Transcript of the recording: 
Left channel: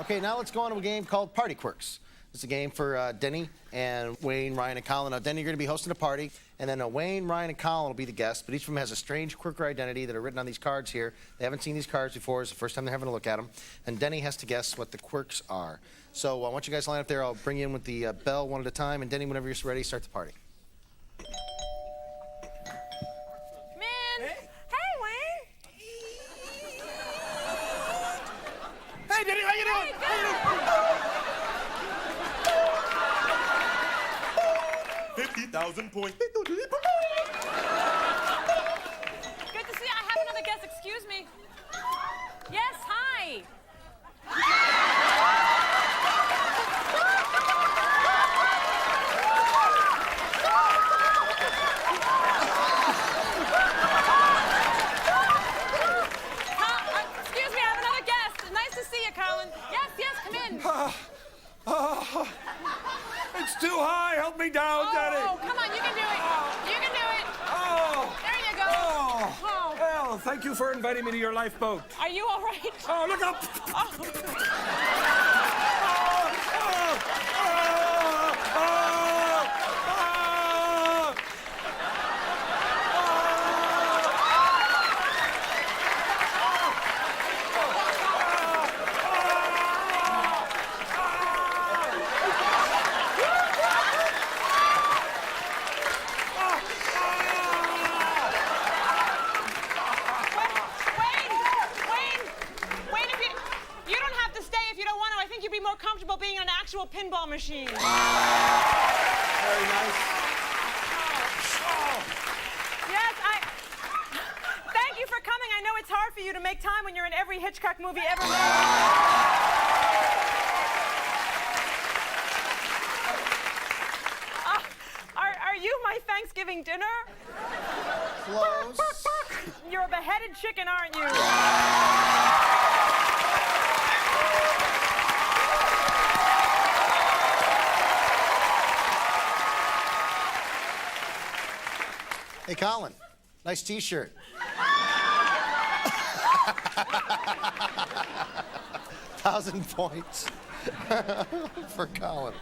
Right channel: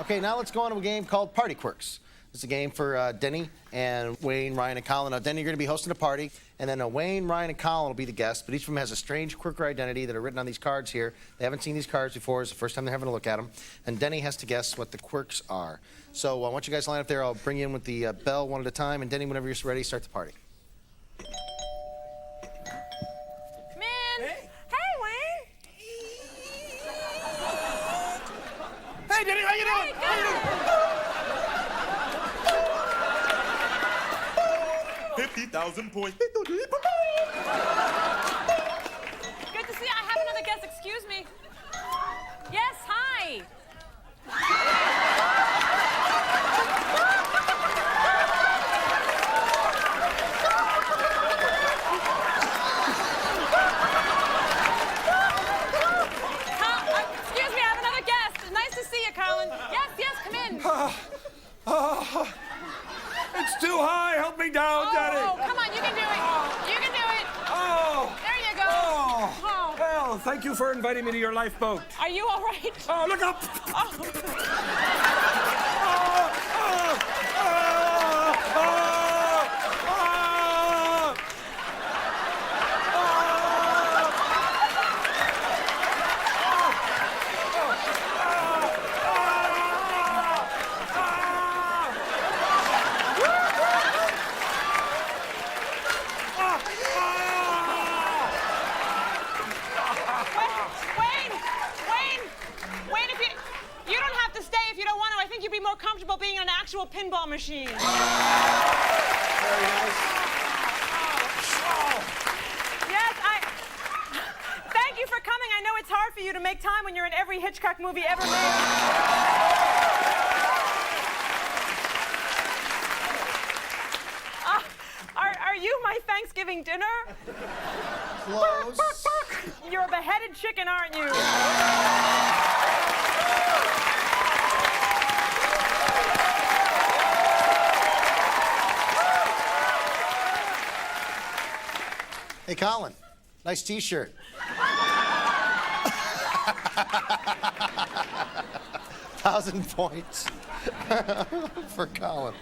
Okay, now let's go on to a game called Party Quirks. It's a game for Deni and Wayne, Ryan, and Colin. Now, Deni, you're going to be hosting a party, and then Wayne, Ryan, and Colin will be the guests, but each of them has a strange quirk or identity that are written on these cards here. They haven't seen these cards before. It's the first time they're having a look at them, and Deni has to guess what the quirks are. So I want you guys to line up there. I'll bring you in with the bell one at a time, and Deni, whenever you're ready, start the party. Hey, Deni, how you doing? Hey, 50,000 points. Good to see you. I have another guest. Excuse me. Yes, hi. Excuse me, I have another guest. Nice to see you, Colin. Yes, come in. It's too high. Help me down, Deni. Oh, come on, you can do it. You can do it. Oh. There you go. Oh. Well, thank you for inviting me to your lifeboat. Are you all right? Oh, look up. Oh. Wayne, if you don't have to stay if you don't want to. I think you'd be more comfortable being on an actual pinball machine. Very nice. Yes, thank you for coming. I know it's hard for you to make time when you're in every Hitchcock movie ever made. Are you my Thanksgiving dinner? Close. You're a beheaded chicken, aren't you? Hey, Colin, nice T-shirt. 1,000 points for Colin.